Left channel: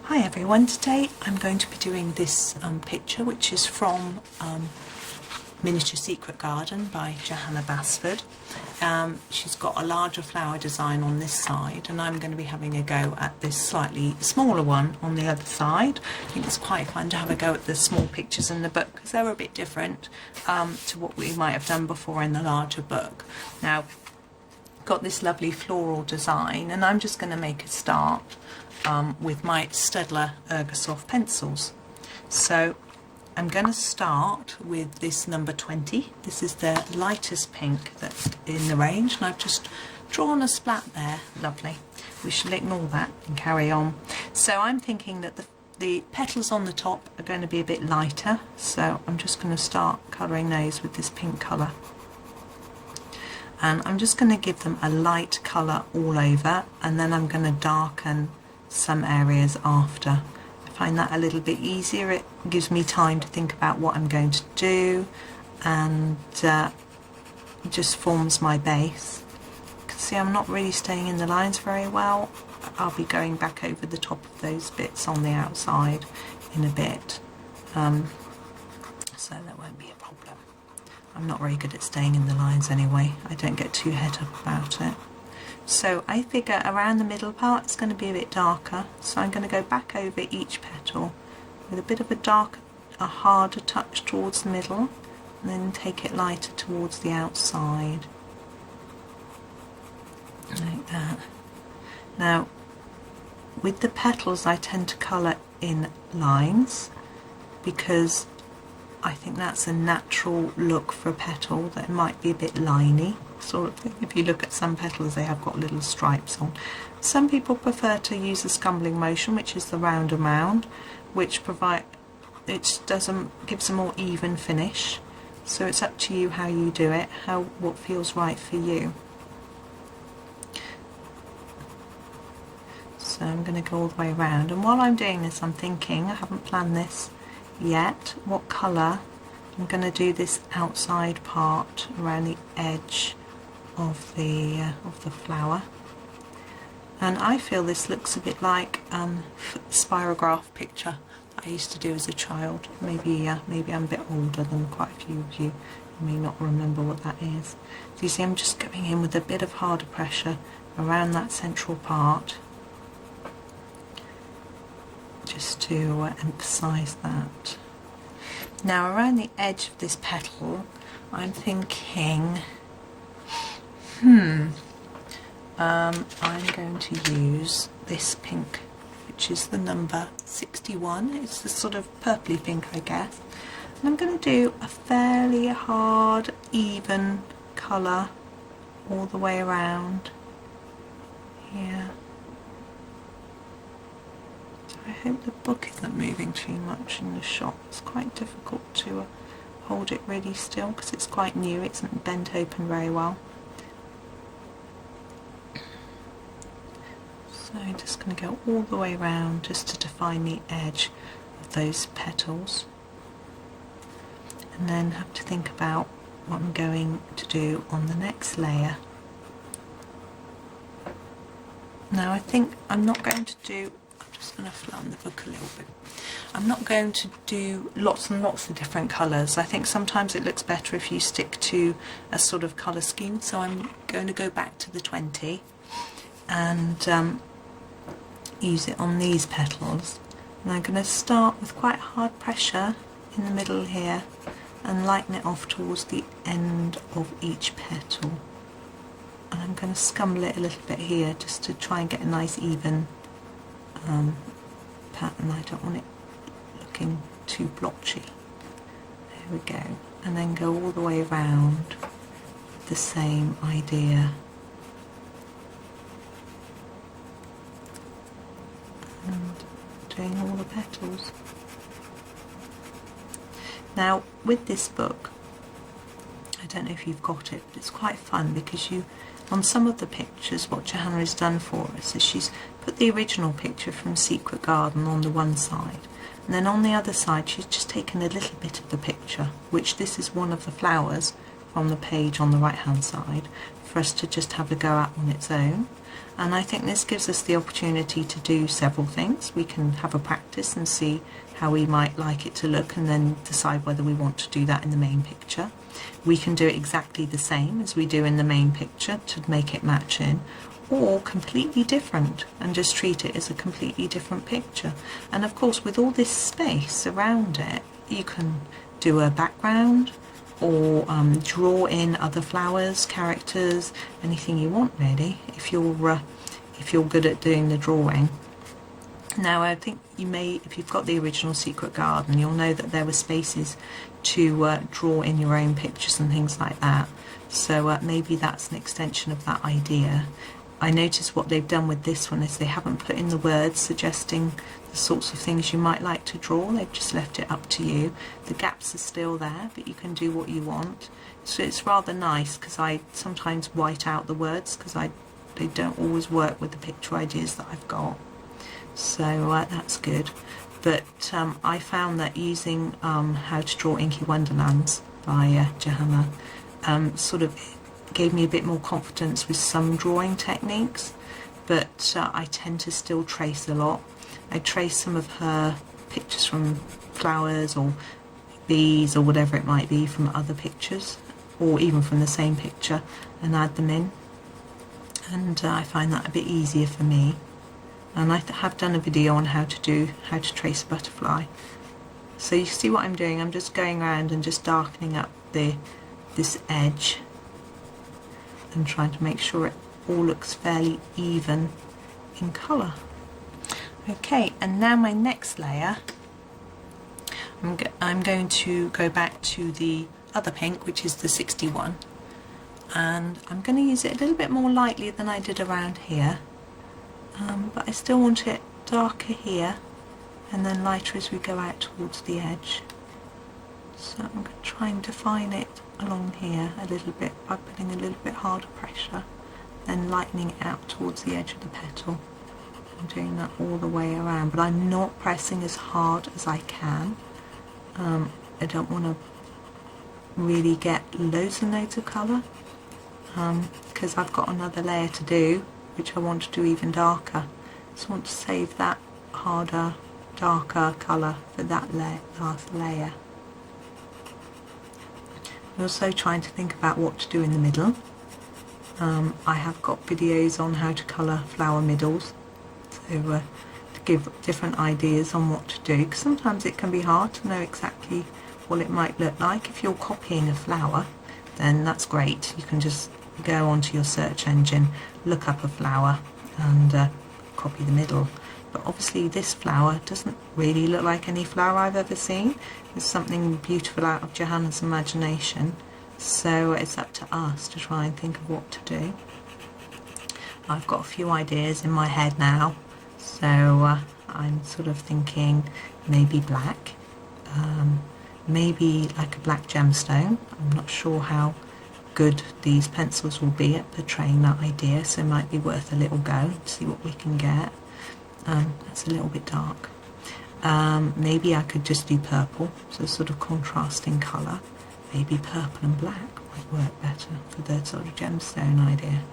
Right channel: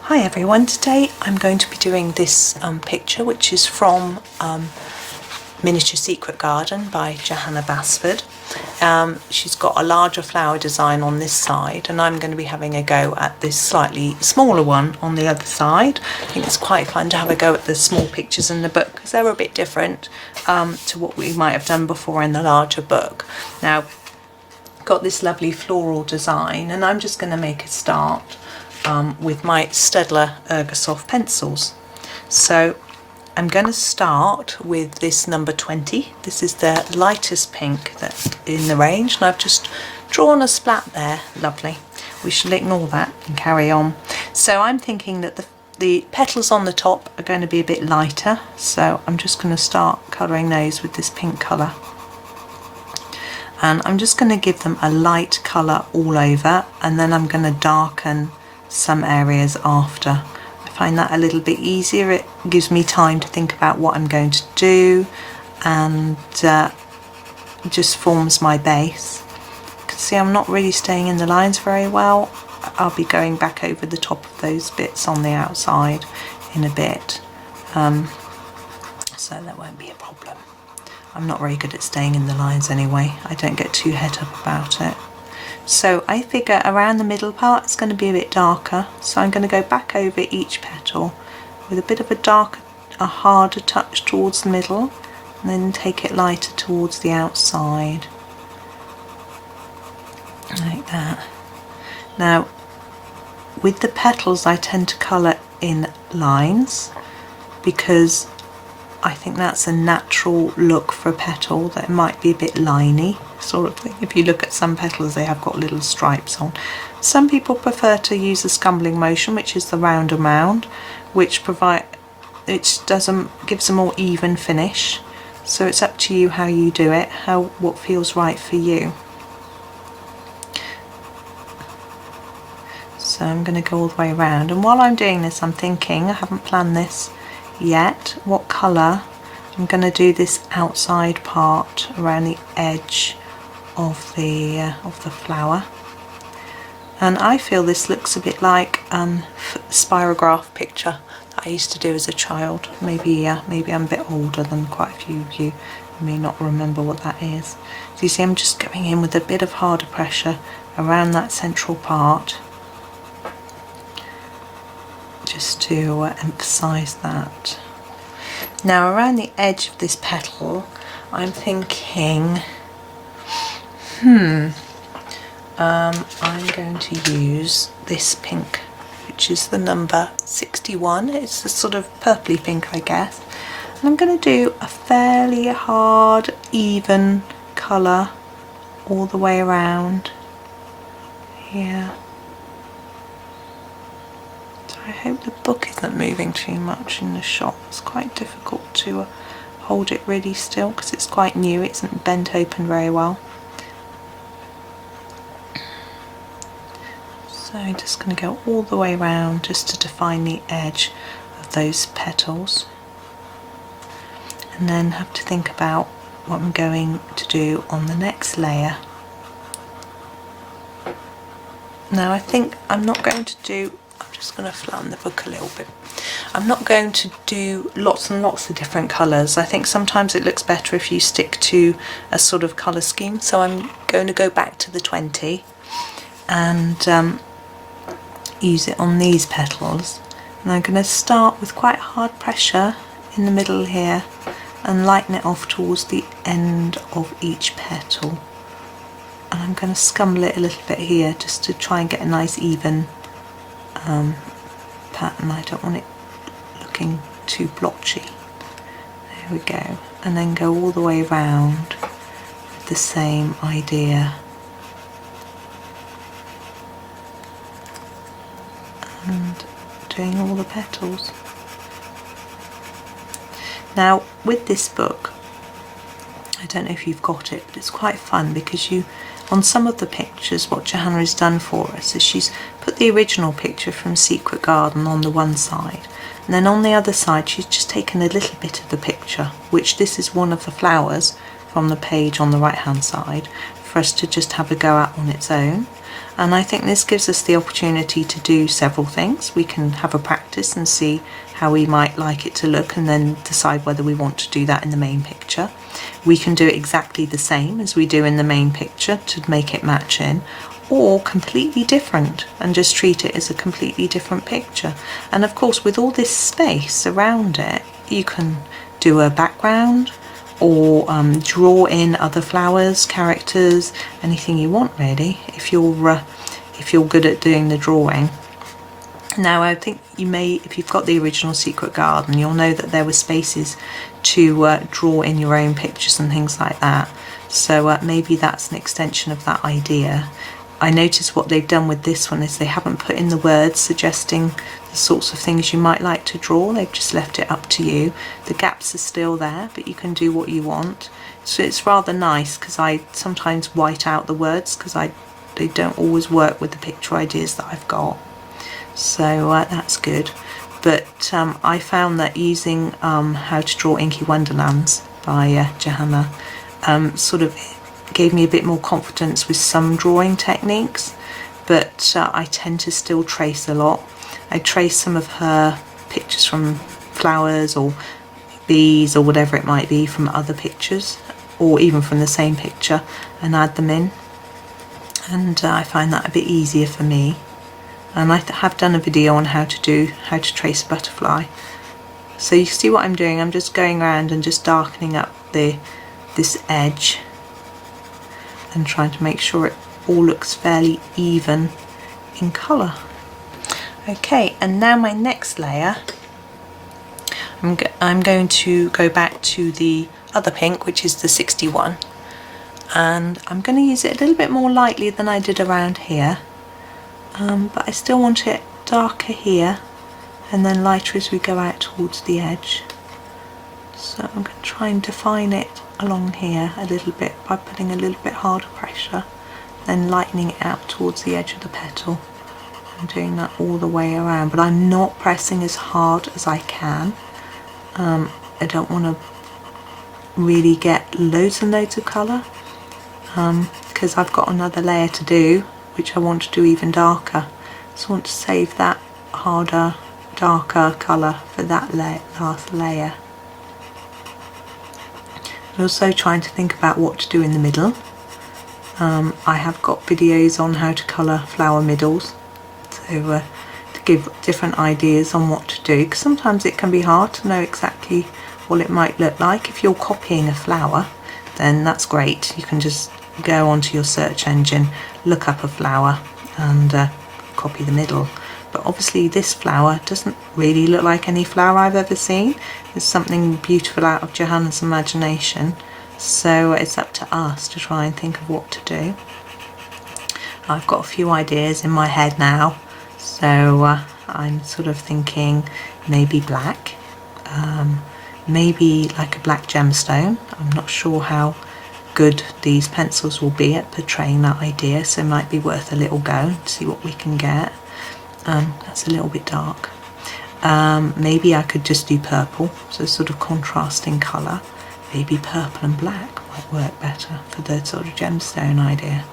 Hi everyone, today I'm going to be doing this picture which is from Miniature Secret Garden by Johanna Basford. She's got a larger flower design on this side and I'm going to be having a go at this slightly smaller one on the other side. I think it's quite fun to have a go at the small pictures in the book because they're a bit different to what we might have done before in the larger book. Now, got this lovely floral design and I'm just going to make a start with my Staedtler Ergosoft pencils. So I'm going to start with this number 20. This is the lightest pink that's in the range and I've just drawn a splat there. Lovely. We should ignore that and carry on. So I'm thinking that the petals on the top are going to be a bit lighter, so I'm just going to start colouring those with this pink colour. And I'm just going to give them a light colour all over and then I'm going to darken some areas after. I find that a little bit easier. It gives me time to think about what I'm going to do and just forms my base. You can see I'm not really staying in the lines very well. I'll be going back over the top of those bits on the outside in a bit, so that won't be a problem. I'm not very good at staying in the lines anyway. I don't get too het up about it. So I figure around the middle part it's going to be a bit darker, so I'm going to go back over each petal with a bit of a harder touch towards the middle and then take it lighter towards the outside, like that. Now with the petals I tend to colour in lines because I think that's a natural look for a petal, that it might be a bit liney sort of thing. If you look at some petals they have got little stripes on. Some people prefer to use the scumbling motion, which is the round and round, which gives a more even finish. So it's up to you how you do it, what feels right for you. So I'm going to go all the way around, and while I'm doing this I'm thinking, I haven't planned this yet, what colour I'm going to do this outside part around the edge of the flower. And I feel this looks a bit like spirograph picture that I used to do as a child. Maybe I'm a bit older than quite a few of you. You may not remember what that is. So you see I'm just going in with a bit of harder pressure around that central part, just to emphasize that. Now around the edge of this petal I'm thinking I'm going to use this pink, which is the number 61. It's a sort of purpley pink, I guess, and I'm going to do a fairly hard even colour all the way around here. I hope the book isn't moving too much in the shot. It's quite difficult to hold it really still because it's quite new, it isn't bent open very well. So I'm just going to go all the way around just to define the edge of those petals, and then have to think about what I'm going to do on the next layer. Now I think I'm not going to do, I'm just going to flatten the book a little bit. I'm not going to do lots and lots of different colours. I think sometimes it looks better if you stick to a sort of colour scheme. So I'm going to go back to the 20 and use it on these petals. And I'm going to start with quite hard pressure in the middle here and lighten it off towards the end of each petal. And I'm going to scumble it a little bit here just to try and get a nice even pattern. I don't want it looking too blotchy. There we go. And then go all the way around with the same idea. And doing all the petals. Now with this book, I don't know if you've got it, but it's quite fun because on some of the pictures, what Johanna has done for us is she's put the original picture from Secret Garden on the one side, and then on the other side she's just taken a little bit of the picture, which this is one of the flowers from the page on the right hand side, for us to just have a go at on its own. And I think this gives us the opportunity to do several things. We can have a practice and see how we might like it to look, and then decide whether we want to do that in the main picture. We can do it exactly the same as we do in the main picture to make it match in, or completely different and just treat it as a completely different picture. And of course, with all this space around it, you can do a background or draw in other flowers, characters, anything you want really, if you're good at doing the drawing. Now I think you may, if you've got the original Secret Garden, you'll know that there were spaces to draw in your own pictures and things like that. So maybe that's an extension of that idea. I noticed what they've done with this one is they haven't put in the words suggesting the sorts of things you might like to draw. They've just left it up to you. The gaps are still there, but you can do what you want. So it's rather nice, because I sometimes white out the words because they don't always work with the picture ideas that I've got. So that's good. But I found that using How to Draw Inky Wonderlands by Johanna sort of gave me a bit more confidence with some drawing techniques, but I tend to still trace a lot. I trace some of her pictures from flowers or bees or whatever it might be from other pictures, or even from the same picture, and add them in, and I find that a bit easier for me. And I have done a video on how to trace a butterfly. So you see what I'm doing, I'm just going around and just darkening up this edge and trying to make sure it all looks fairly even in colour. Okay, and now my next layer, I'm going to go back to the other pink, which is the 61, and I'm going to use it a little bit more lightly than I did around here, but I still want it darker here and then lighter as we go out towards the edge. So I'm going to try and define it along here a little bit by putting a little bit harder pressure, then lightening it out towards the edge of the petal. I'm doing that all the way around, but I'm not pressing as hard as I can. I don't want to really get loads and loads of colour, because I've got another layer to do which I want to do even darker, so I want to save that harder, darker colour for that last layer. I'm also trying to think about what to do in the middle. I have got videos on how to colour flower middles, so to give different ideas on what to do, because sometimes it can be hard to know exactly what it might look like. If you're copying a flower, then that's great. You can just go onto your search engine, look up a flower and copy the middle. But obviously this flower doesn't really look like any flower I've ever seen. There's something beautiful out of Johanna's imagination, so it's up to us to try and think of what to do. I've got a few ideas in my head now, so I'm sort of thinking maybe black, maybe like a black gemstone. I'm not sure how good these pencils will be at portraying that idea, so it might be worth a little go and see what we can get. That's a little bit dark. Maybe I could just do purple, so sort of contrasting colour. Maybe purple and black might work better for the sort of gemstone idea.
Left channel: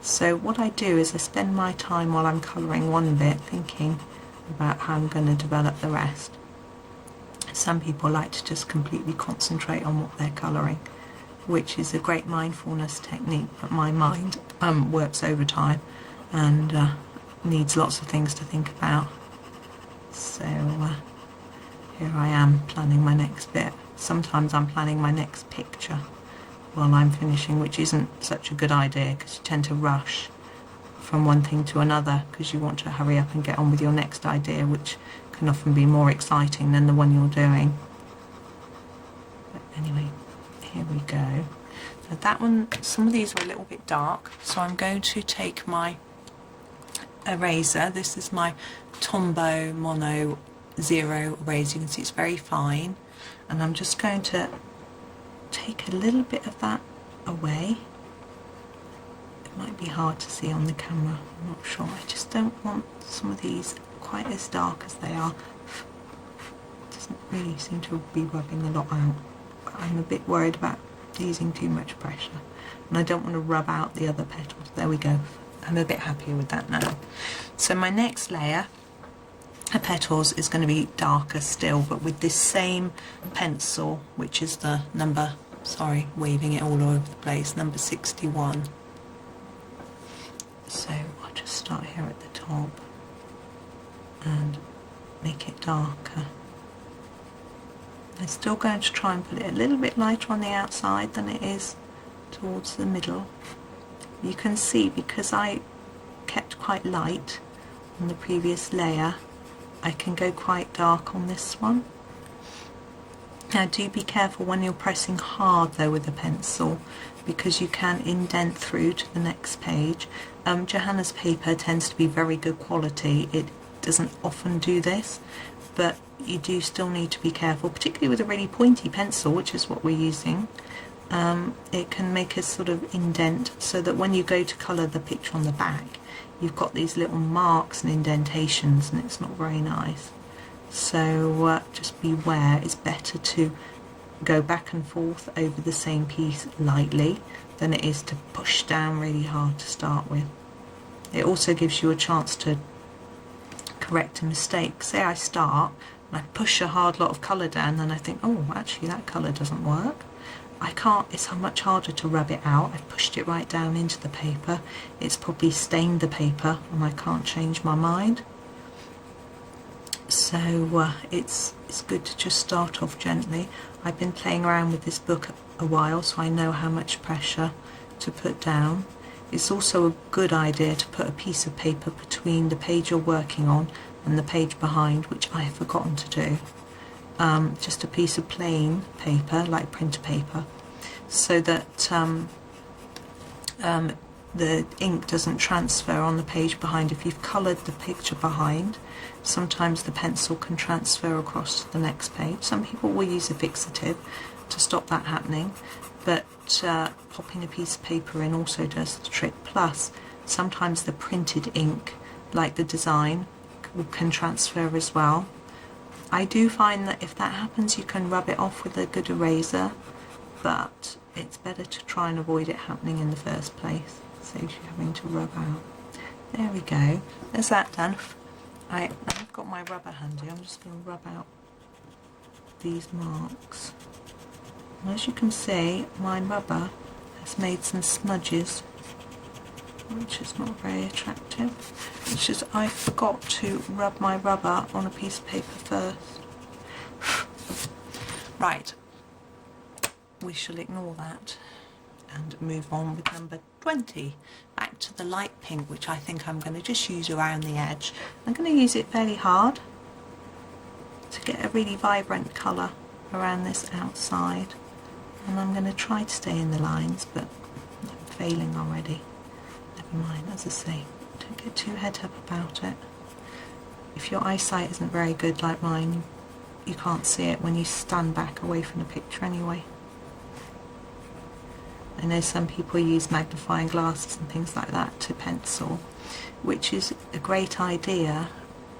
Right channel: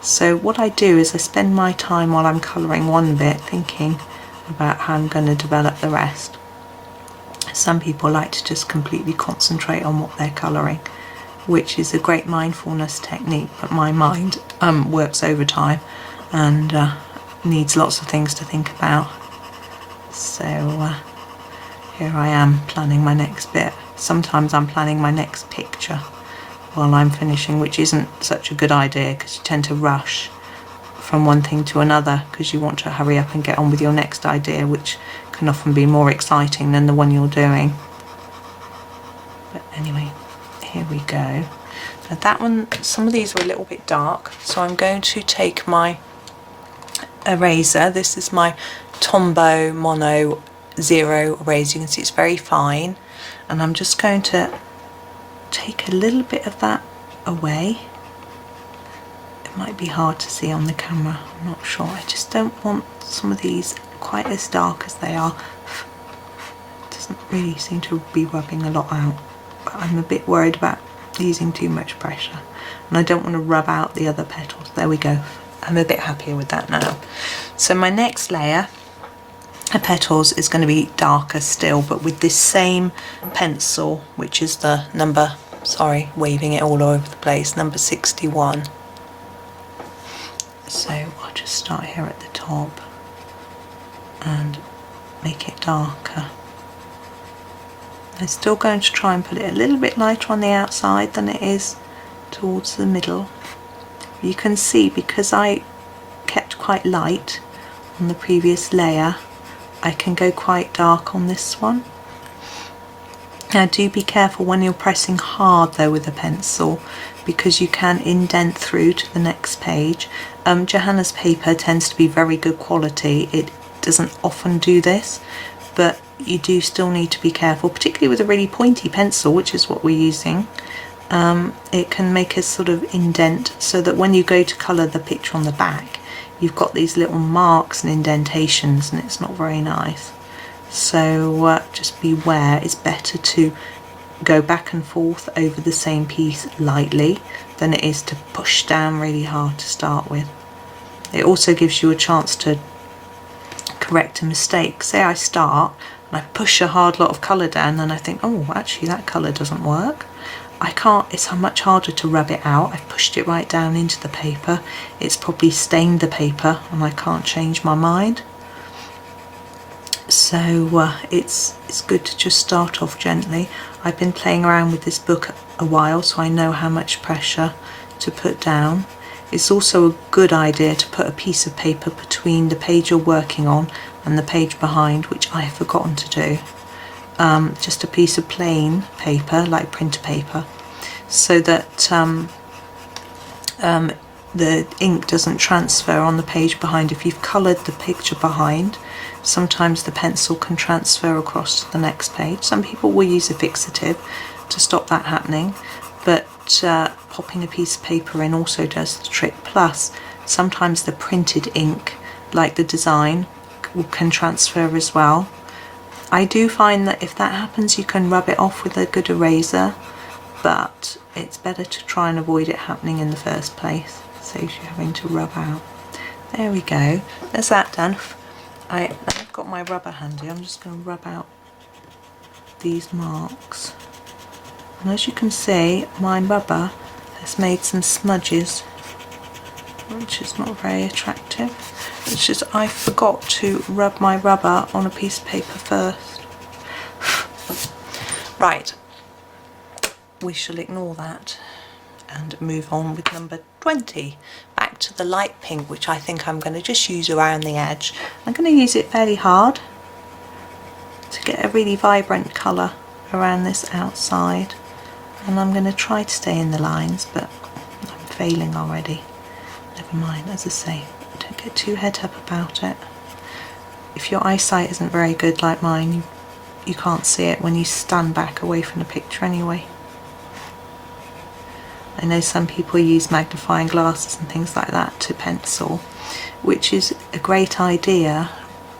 So what I do is I spend my time while I'm colouring one bit thinking about how I'm going to develop the rest. Some people like to just completely concentrate on what they're colouring, which is a great mindfulness technique, but my mind works overtime and needs lots of things to think about. So here I am planning my next bit. Sometimes I'm planning my next picture while I'm finishing, which isn't such a good idea because you tend to rush from one thing to another because you want to hurry up and get on with your next idea, which can often be more exciting than the one you're doing. But anyway, here we go. Now that one, some of these are a little bit dark, so I'm going to take my eraser. This is my Tombow Mono Zero eraser. You can see it's very fine, and I'm just going to take a little bit of that away. It might be hard to see on the camera, I'm not sure. I just don't want some of these quite as dark as they are. It doesn't really seem to be rubbing a lot out, but I'm a bit worried about using too much pressure, and I don't want to rub out the other petals. There we go. I'm a bit happier with that now. So my next layer of petals is going to be darker still, but with this same pencil, which is the number, sorry, waving it all over the place, number 61. So I'll just start here at the top and make it darker. I'm still going to try and put it a little bit lighter on the outside than it is towards the middle. You can see, because I kept quite light on the previous layer, I can go quite dark on this one. Now do be careful when you're pressing hard though with a pencil, because you can indent through to the next page. Johanna's paper tends to be very good quality. It doesn't often do this, but you do still need to be careful, particularly with a really pointy pencil, which is what we're using. It can make a sort of indent, so that when you go to colour the picture on the back, you've got these little marks and indentations, and it's not very nice. So just beware. It's better to go back and forth over the same piece lightly than it is to push down really hard to start with. It also gives you a chance to correct a mistake. Say I start and I push a hard lot of colour down, and I think, oh, actually that colour doesn't work. I can't, it's much harder to rub it out. I've pushed it right down into the paper. It's probably stained the paper and I can't change my mind. So it's good to just start off gently. I've been playing around with this book a while, so I know how much pressure to put down. It's also a good idea to put a piece of paper between the page you're working on and the page behind, which I have forgotten to do. Just a piece of plain paper, like printer paper, so that the ink doesn't transfer on the page behind. If you've coloured the picture behind, sometimes the pencil can transfer across to the next page. Some people will use a fixative to stop that happening, but popping a piece of paper in also does the trick. Plus, sometimes the printed ink, like the design, can transfer as well. I do find that if that happens, you can rub it off with a good eraser, but it's better to try and avoid it happening in the first place. Saves you having to rub out. There we go. There's that done. I've got my rubber handy. I'm just going to rub out these marks. And as you can see, my rubber has made some smudges, which is not very attractive. It's just I forgot to rub my rubber on a piece of paper first. Right, we shall ignore that and move on with number 20. Back to the light pink, which I think I'm going to just use around the edge. I'm going to use it fairly hard to get a really vibrant colour around this outside. And I'm going to try to stay in the lines, but I'm failing already. Never mind, as I say, don't get too head up about it. If your eyesight isn't very good like mine, you can't see it when you stand back away from the picture anyway. I know some people use magnifying glasses and things like that to pencil, which is a great idea,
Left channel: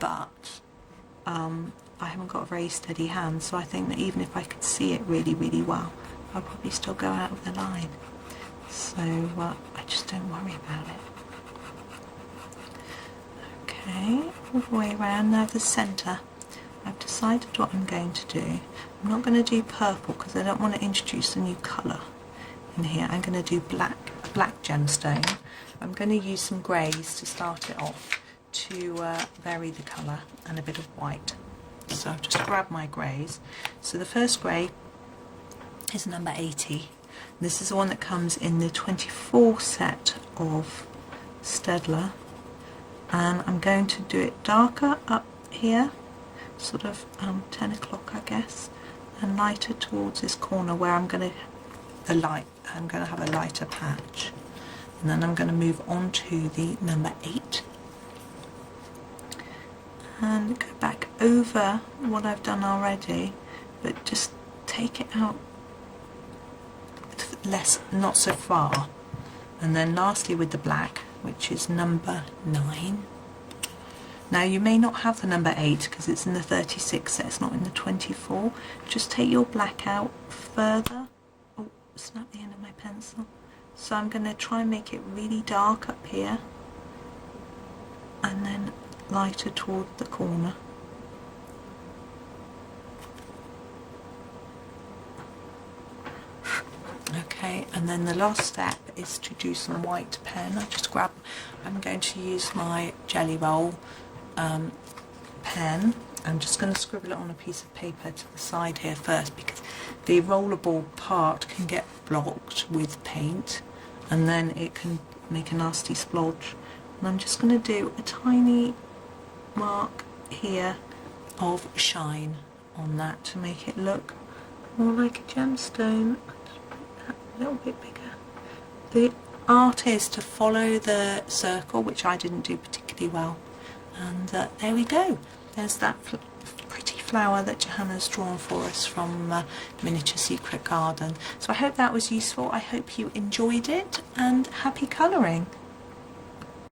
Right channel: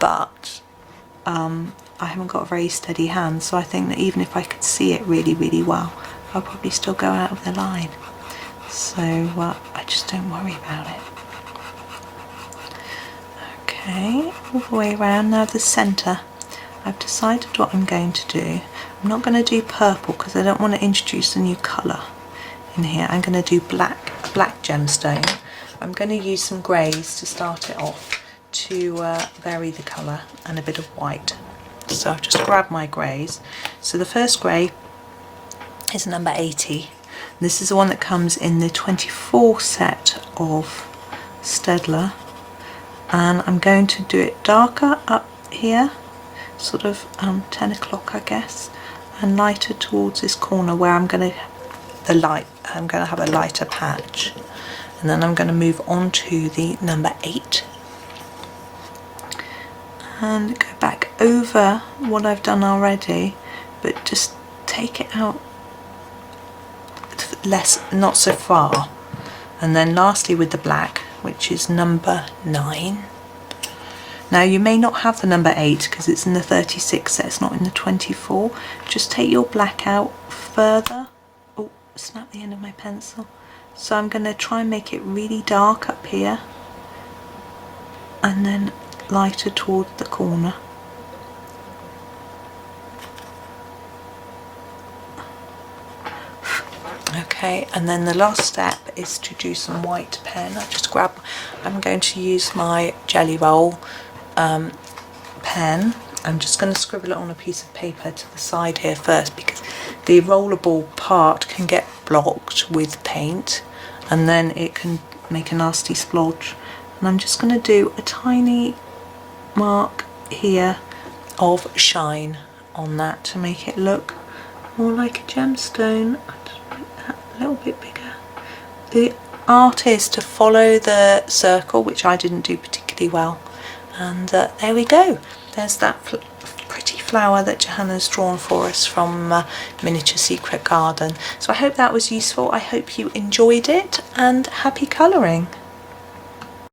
but I haven't got a very steady hand, so I think that even if I could see it really, really well, I'll probably still go out of the line. So I just don't worry about it. Okay, all the way around. Now the centre. I've decided what I'm going to do. I'm not going to do purple because I don't want to introduce a new colour in here. I'm going to do black gemstone. I'm going to use some greys to start it off to vary the colour, and a bit of white. So I've just grabbed my greys. So the first grey is number 80. This is the one that comes in the 24 set of Staedtler, and I'm going to do it darker up here, sort of 10 o'clock I guess, and lighter towards this corner where I'm going to have a lighter patch, and then I'm going to move on to the number 8 and go back over what I've done already, but just take it out not so far. And then lastly with the black, which is number 9. Now you may not have the number 8 because it's in the 36 set, it's not in the 24. Just take your black out further. Oh, snap the end of my pencil. So I'm going to try and make it really dark up here and then lighter towards the corner. Okay, and then the last step is to do some white pen. I'm going to use my Jelly Roll pen. I'm just going to scribble it on a piece of paper to the side here first, because the rollable part can get blocked with paint and then it can make a nasty splodge. And I'm just going to do a tiny mark here of shine on that to make it look more like a gemstone. I'll just make that a little bit bigger. The art is to follow the circle, which I didn't do particularly well, and there we go. There's that pretty flower that Johanna's drawn for us from Miniature Secret Garden. So I hope that was useful. I hope you enjoyed it, and happy colouring.